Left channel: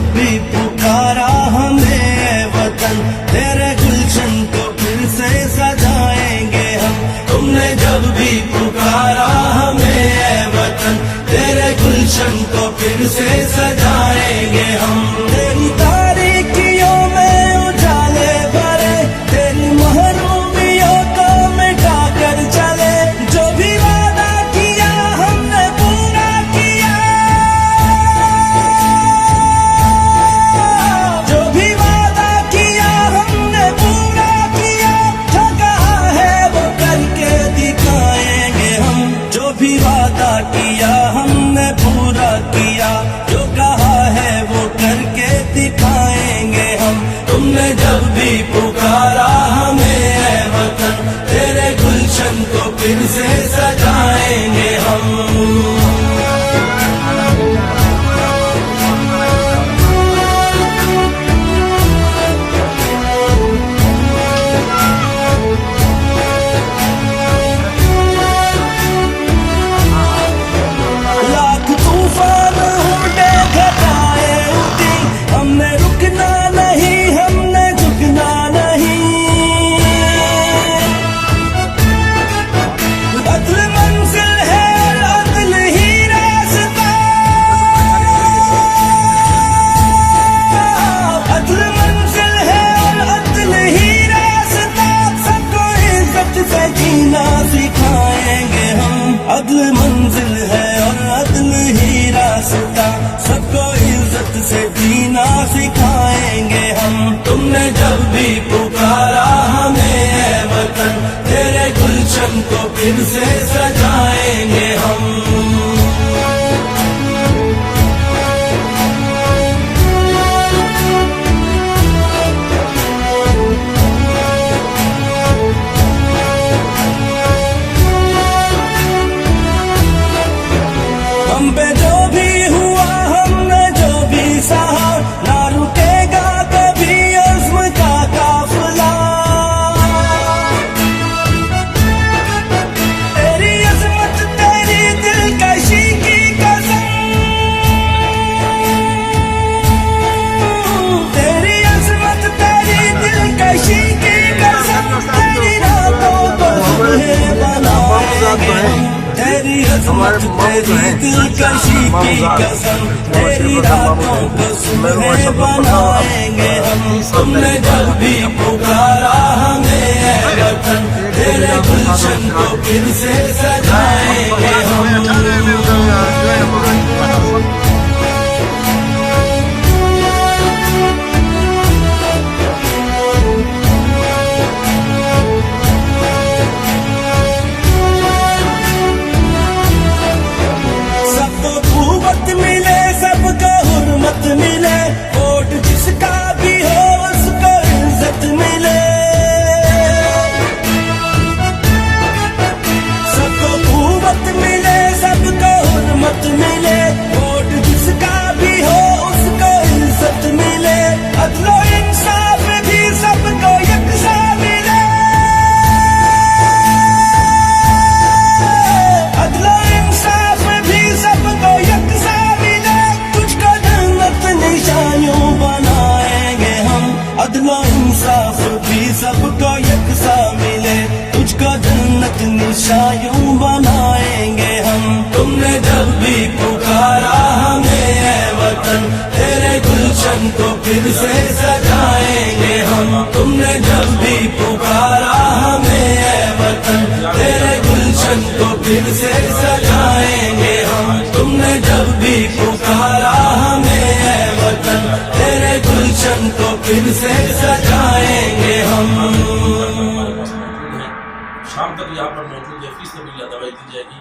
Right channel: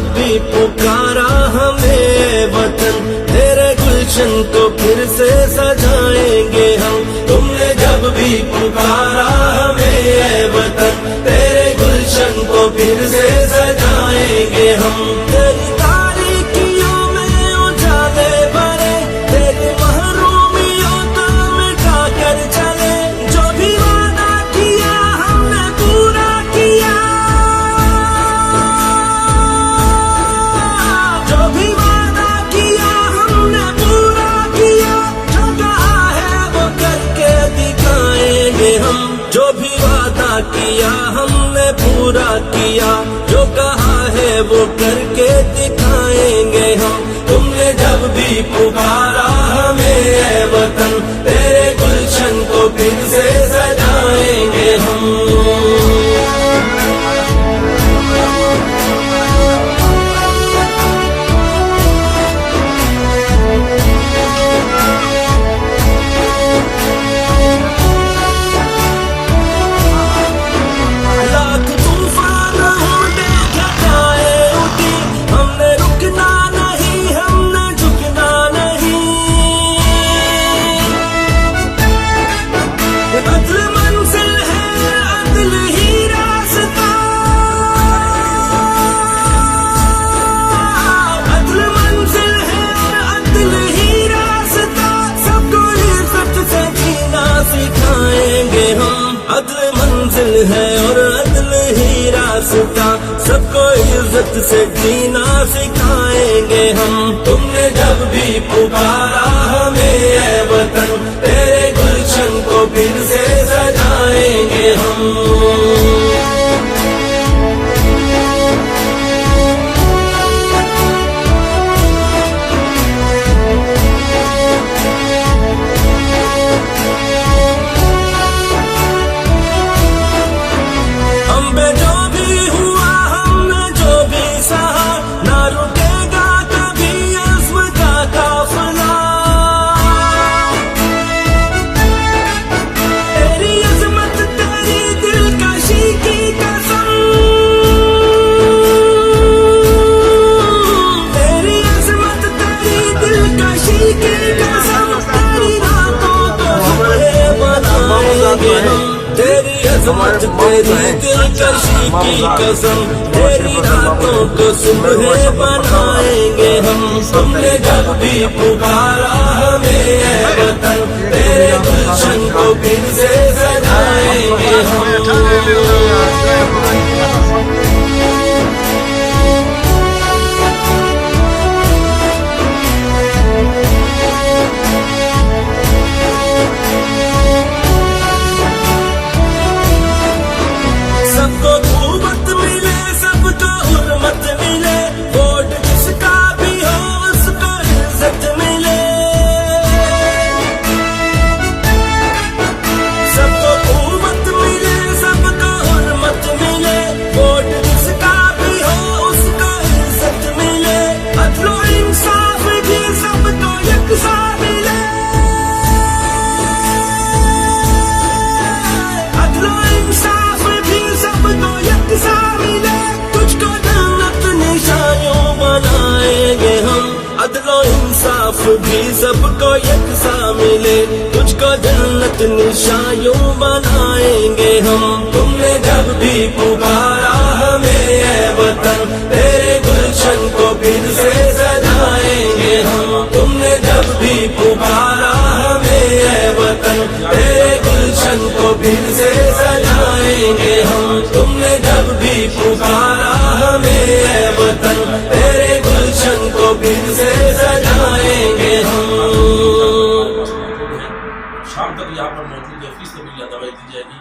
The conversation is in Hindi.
जब भी पुकारा हमें वतन, तेरे गुलशन को फिर से सजाएंगे हम। तुमने जब भी पुकारा हमें वतन, तेरे गुलशन को फिर से सजाएंगे हम। तेरी तारीकियों में उजाले भरे, तेरी महरूमियों को मिटा कर चले। जो भी वादा किया हमने पूरा किया, जो भी वादा किया हमने पूरा किया। जो कहा है वो करके दिखाएंगे हम। जो भी वादा किया हमने पूरा किया, जो कहा है वो करके दिखाएंगे हम। तुमने जब भी पुकारा हमें ऐ वतन, तेरे गुलशन को फिर से सजाएंगे हम। अदल मंजिल है और अदल ही रास्ता, सबको इज्जत से जीना सिखाएंगे हम। तुमने जब भी पुकारा हमें ऐ वतन, तेरे गुलशन को फिर से सजाएंगे हम। जो भी हुआ हमने जो भी सहा, ना रुकेगा कभी अज़्म का काफिला। तेरी अज़मत तेरी दिलकशी की कसम, तेरी अज़मत तेरी दिलकशी की कसम। तेरी रातों को सुबह बनाएंगे हम, तेरी अज़मत तेरी दिलकशी की कसम। तेरी रातों को सुबह बनाएंगे हम। तुमने जब भी पुकारा हमें ऐ वतन, तेरे गुलशन को फिर से सजाएंगे हम। सबको कुव्वत मिले, सबको हुर्मत मिले, वोट जिसका भी हो उसको इज्जत मिले। सबको कुव्वत मिले, सबको हुर्मत मिले, वोट जिसका भी हो उसको इज्जत मिले। अदलो इंसाफ भी सबको यकसा मिले, अदलो इंसाफ भी सबको यकसा मिले। तुझको जन्नत निशानियों बनाएंगे हम, अदलो इंसाफ भी सबको यकसा मिले। तुझको जन्नत निशानियों बनाएंगे हम। तुमने जब भी पुकारा हमें ऐ वतन, तेरे गुलशन को फिर से सजाएंगे हम। तुमने जब भी पुकारा हमें ऐ वतन, तेरे गुलशन को फिर से सजाएंगे हम। तुमने जब भी पुकारा हमें ऐ वतन, तेरे गुलशन को फिर से सजाएंगे हम। शाम तक यहाँ पर मौजूद है, फीस दवाई दी जाएगी।